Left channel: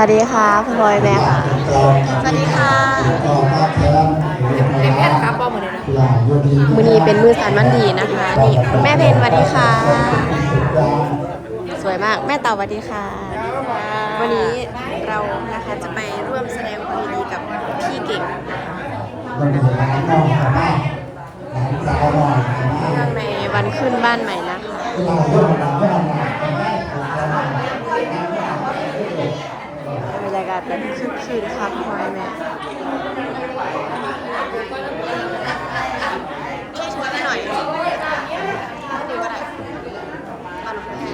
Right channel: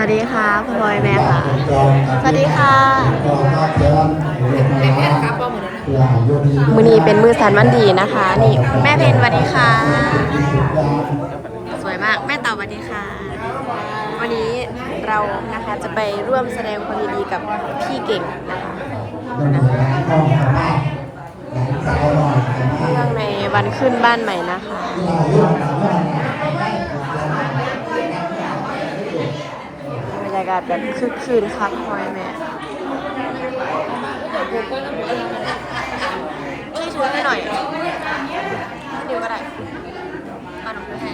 วัสดีค่ะพ่อพลอยแม่ค่ะ สวัสดีค่ะเรียนแพทย์ครับป้อมหมดเลยนะมือนี้เป็นมือสันวันดีนะคะ นี่แม่เพนสวัสดีค่ะ สวยมากแม่เต่าสวัสดีค่ะ วันนี้เรานะคะจะไปร่วมแสดงความยินดีกับพี่เก่งนะคะเนื่องในวันขึ้นบ้านใหม่นะคะ บรรยากาศแบบคึกคืนครับพ่อยแม่พี่ถือให้หน่อยเดียวก็ได้มาหนูถือให้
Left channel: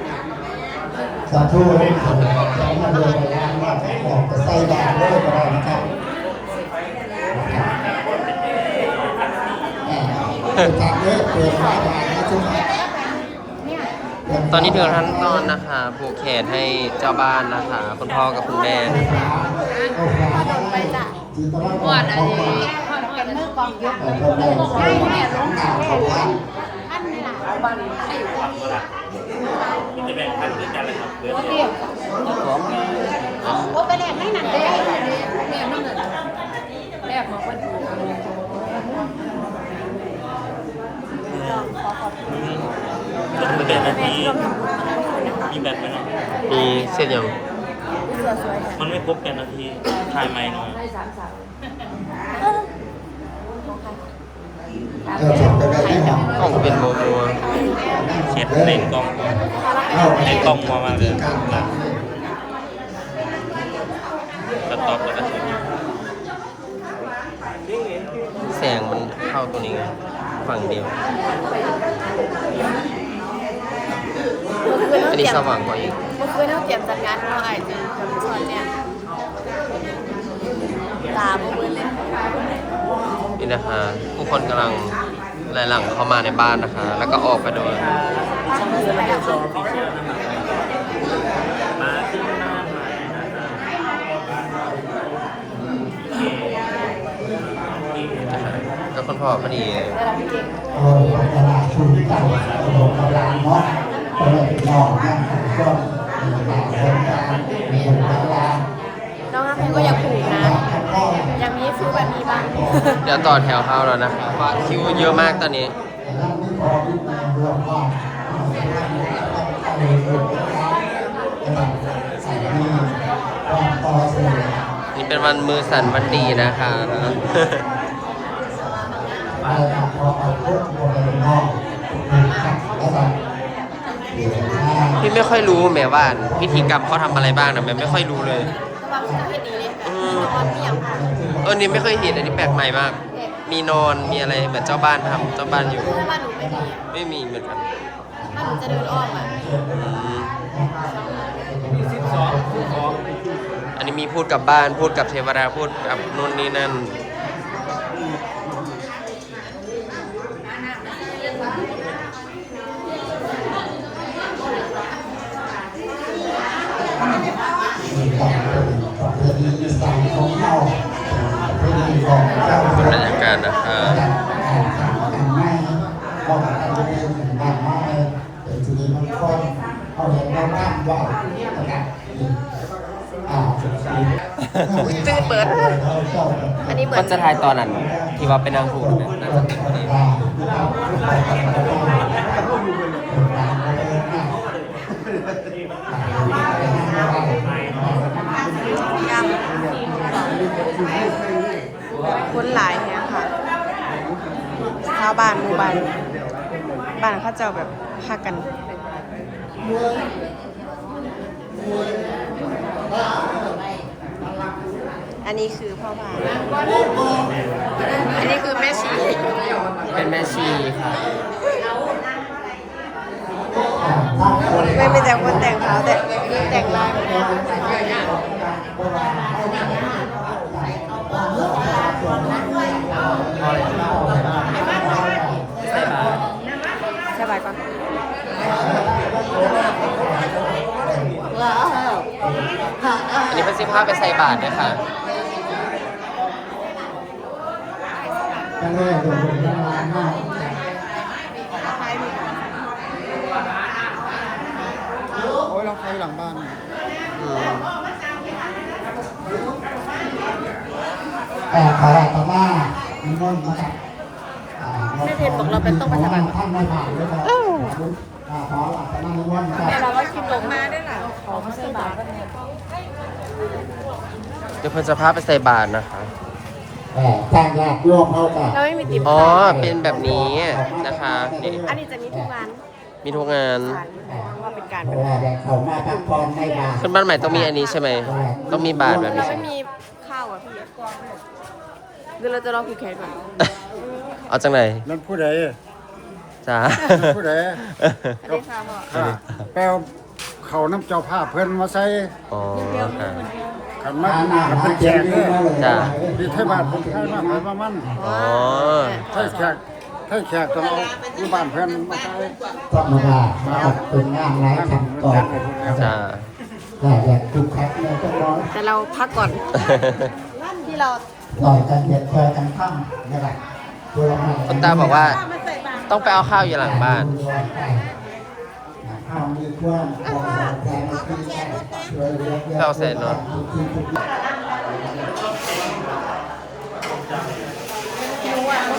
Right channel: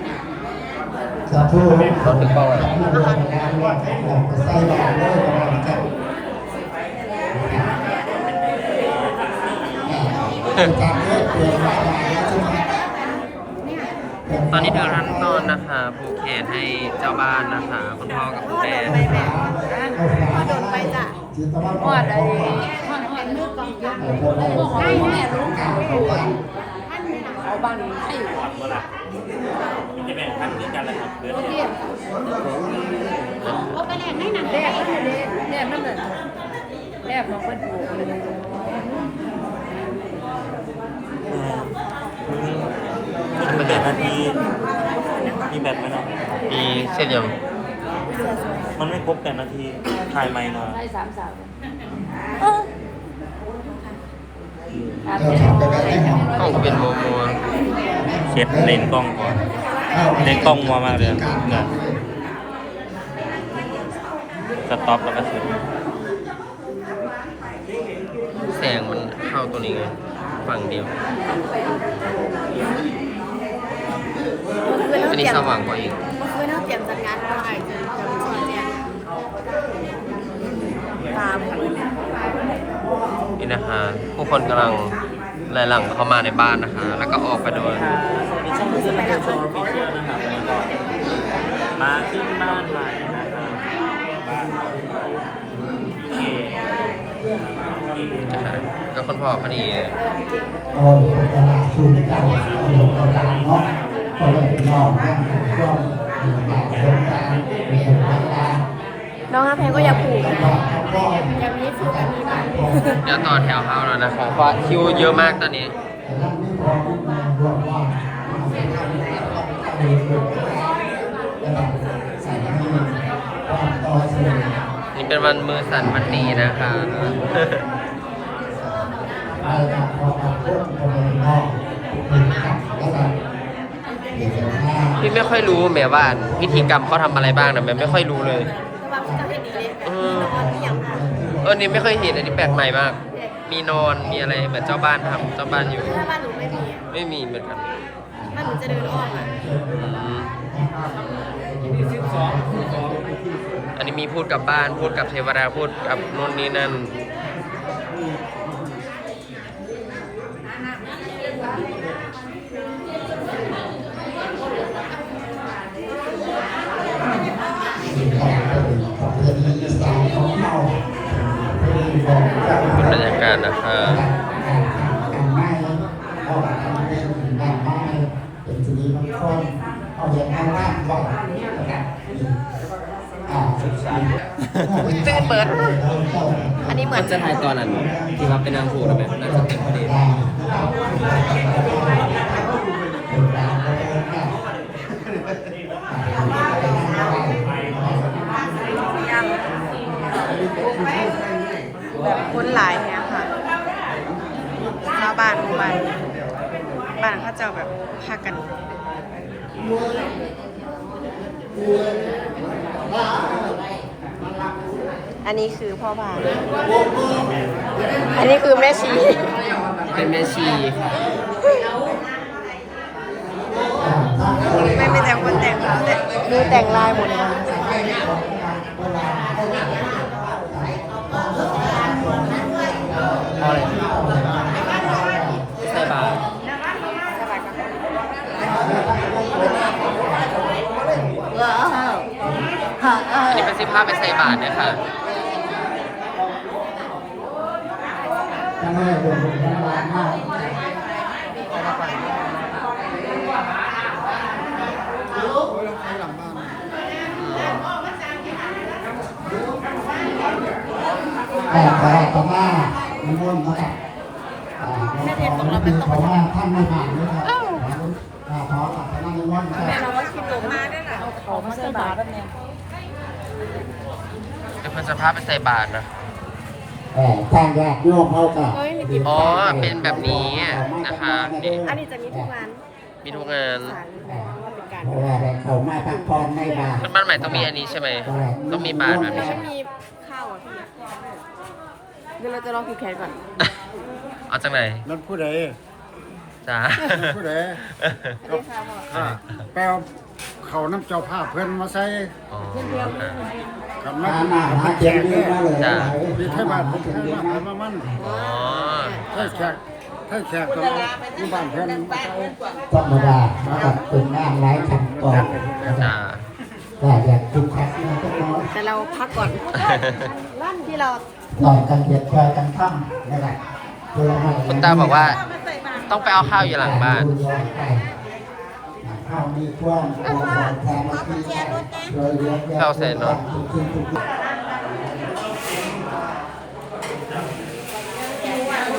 สาธุขอบคุณพ่อจะใส่บาตรเลยก็ได้นะครับจากเยอะเกินไปแล้วจุ๊บ ตอนนี้ถึงท่านนอนนะคะผูกแขนให้เจ้าบ้านนะคะคุณพ่อกับคุณพ่อแม่โดนไปแม่พ่อโดนไปจ้ะจิตวัตรของของฝากแต่พวกเราใส่บาตรของข่าวของบ้านจะแบ่งพันด้วยกันเลยครับเดือนแรกมันเลยแรกมันเลยแรกของคนถูก มันเป็นแบบนาทีมีแบบไหมเนาะมีเส้นยังมันไม่ครบแปดนาที ถ่ายไม่หน่อยเราชอบไปแบบที่หอมกล้องเป็นโมโมเช็ดเลนส์กล้องก่อนเลนส์กล้องมามาเลยสต็อปแล้วก็เช็ดแสงมันเข้าตรงนี้ไงฝั่งเดียวเมื่อ คืนอัเขานเตนี้รียมสว่างกว่าอีกเมื่อคืนเขาเตรียมจัดงานเราไอ้จะจะสอนเนี่ยตาบ่เบิ่นเลย นี่นะคะ ผู้คนกำลังไหลหลังเข้ามาในบ้านนะคะ แล้วก็ออกไปโดยไปแล้วค่ะมาขึ้นมานะคะก็คุณพ่อพอดีโอ้ยตลาดชูตั้งโรงตลาด เดี๋ยวต่อแถวเข้าแล้วนะคะเพราะคิวเยอะมากตอนนี้ นี่เป็นวันมือสั่นวันดีนะคะพี่ไม่ค่อยรู้แหมว่าพิธีกรรมเขาทำอะไรบ้างนะแม่ไม่ค่อยรู้เลย แต่ว่าพี่จะเห็นดีเลยแบบจะออนเที่ยงค่ะเออนี่ไม่เคยเห็นอันนี้แปลกใหม่มาก มีนอนมีอะไรเหมือนเจ้าบ้านทำเจ้าบ้านอยู่ถ้าบ้านหนูไม่มีไม่มีเหมือนกันบ้านหนูจะเดินอ้อมอะอืมอันนี้มีพูดกับบ้านพูดกับเทวดาพูดกับนู่นนี่นั่นเป็น ตั้งใหญ่นะครับอ่าตื่นเบิด อันนี้เหมืมัอนนจะถ่ายตอนนั้นที่ว่าเป็นนางผูแบบนั้นจะติดพอดียังแบบคนหลายเนี่ยค่ะชาว บ้านหมู่บ้านบ้านเขาเจะแบบฮักกันอันนี้คือพ่อพานอันนี้คือแม่ชีเป็นแม่ชีค่ะไม่ไม่แต่คนแต่งเขาแต่นี่แต่งลายหมดเลยค่ะ ใส่บาตรอันนี้เป็นเสื้อ ผ้าไปใส่บาตรเนี่ยค่ะตั้งแต่เดินเป็นประมาณห้าอแต่ขอต่อมานิมนต์มากับแม่เพชรของเราเป็นต้องมาท่านไม่ผ่านเลยขอต่อมานิมนต์มากับเราว่าคิดลงมาได้ไหนขอมาใส่บาตรก็แม่ เดี๋ยวเพิ่นจะพาไปใส่บาตรนะคะ เออสร้างยากร่วมเข้ากับเราไม่มีติดอ๋อเป็นแบบนี้นะคะนี่ อันนี้จะมีทุกงานมีทุกงานสารเพราะว่าเป็นการเพราะว่าแรงเขามาพักผ่อนในบาทขึ้นบ้านใหม่ต้องมีอันนี้ใช่ไหม ต้องมีบาตรแบบนี้ใช่มันไหมมีข้าวอะพี่เดี๋ยวเราจะรอผูกแขนก่อนเอาจังไหนนั่นผู้ใดจ้าผู้ใดสวัสดีค่ะพ่อข้าแปล เขาน้ำเจ้าภาพเพื่อนมาใส่อ๋อขันหาน้ำหาหาเจนนี่มาเลยมีเทบ้านผมเพื่อนมามามันอ๋อให้แขกให้แขกต้องเอาอยู่บ้านเพื่อนมาใส่ธรรมดามากับเป็นงานไร้คำตอบจ้าก็อยากคุกคักเลยก็ร้อยแต่เราพักก่อนที่เราหน่อยกันเบียดคอยกันข้างนะครับคุณตาบอกว่า ต้องไปเอาข้าวอยู่หลังบ้าน เครื่องแทนที่ข้าวใส่รถ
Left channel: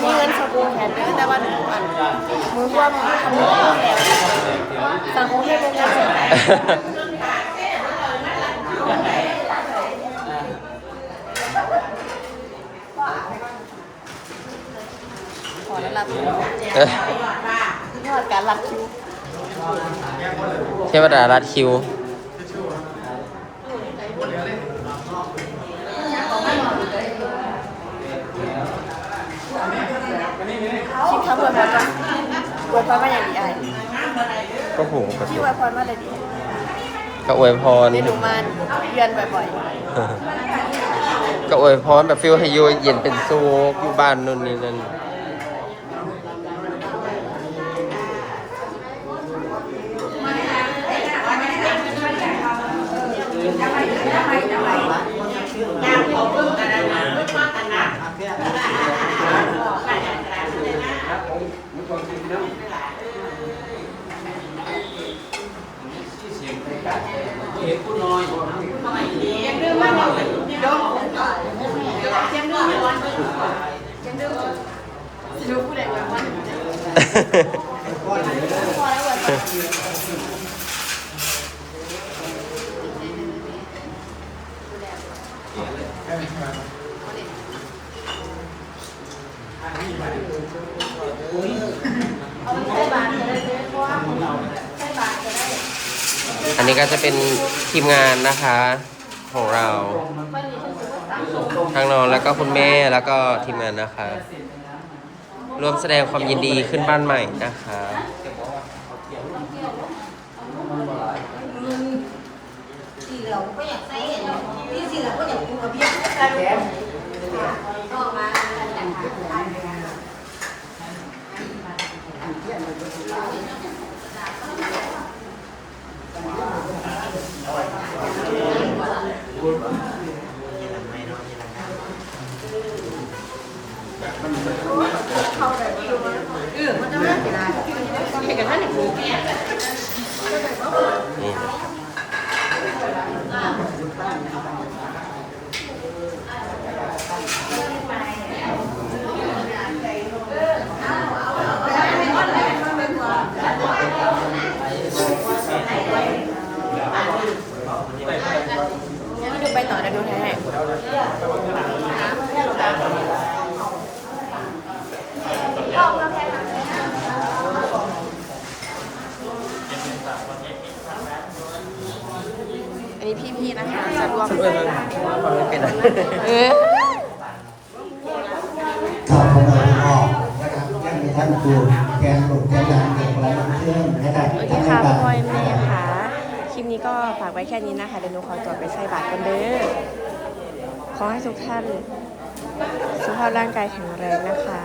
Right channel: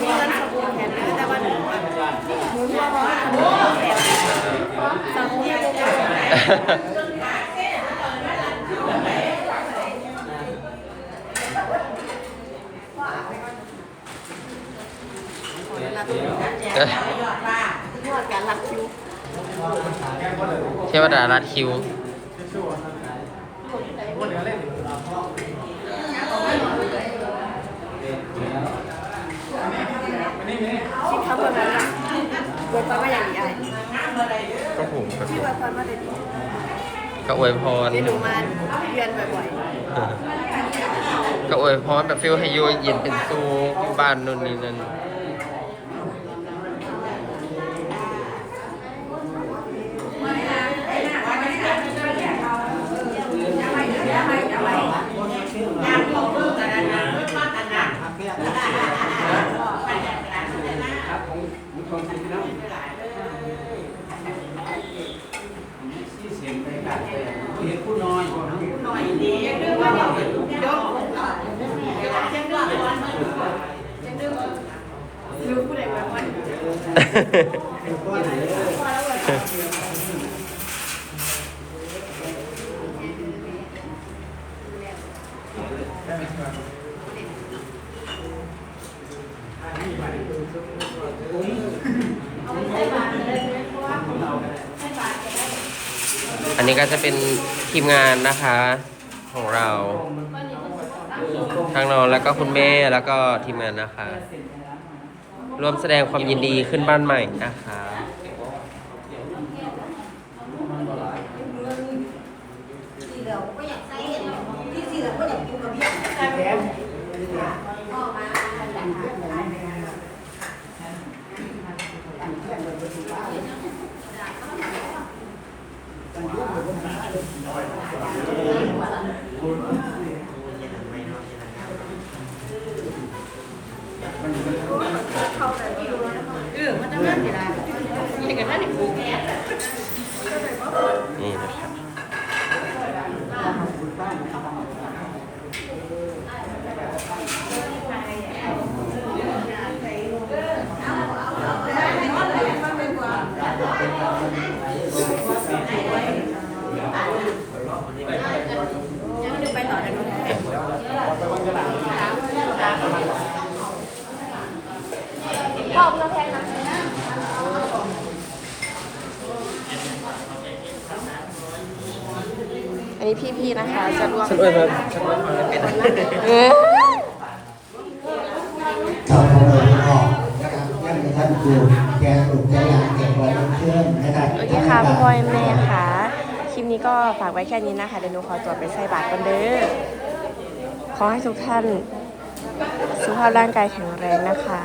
มีเงินสบู่แขนเยอะแต่ว่าหนูอะหนูร่วมทำบุญสังคมให้เป็นเงินขอได้รับยอดการรับคิว เทวดารัดคิว คิดคำวันนั้นว่าวันพรมาอย่างดีอะไรก็ผูกปกติที่วันพรมาเลยดีก็อวยพรเดี๋ยวหนูมาเรียนบ่อยก็อวยพรแบบฟิลให้อยู่เย็นเป็นสุขอยู่บ้านนู่นนี่นั่น อันนี้ก็จะเป็นทีมงานนะคะของเรา ทางน้องแล้วก็คุณแม่แล้วก็ทีมงานนะคะ ร่วมแสดงความยินดีขึ้นบ้านใหม่นะคะ นี่นะครับ ๆไปต่อเดี๋ยวหนูถ่ายให้อั นนี้พี่ๆนะคะจะรวมเออเข้าไปเลยออกนะครับเรื่องในท่านครูแกนหลุดแกนหลังเด็กไว้เพื่อนนะครับสวัสดีค่ะพ่อแม่ค่ะ คลิปนี้ก็ฝากไว้แค่นี้นะคะ เดี๋ยวหนูขอตัวไปใส่บาตรกันเด้อ ขอให้ทุกท่าน สุขภาพร่างกายแข็งแรงนะคะ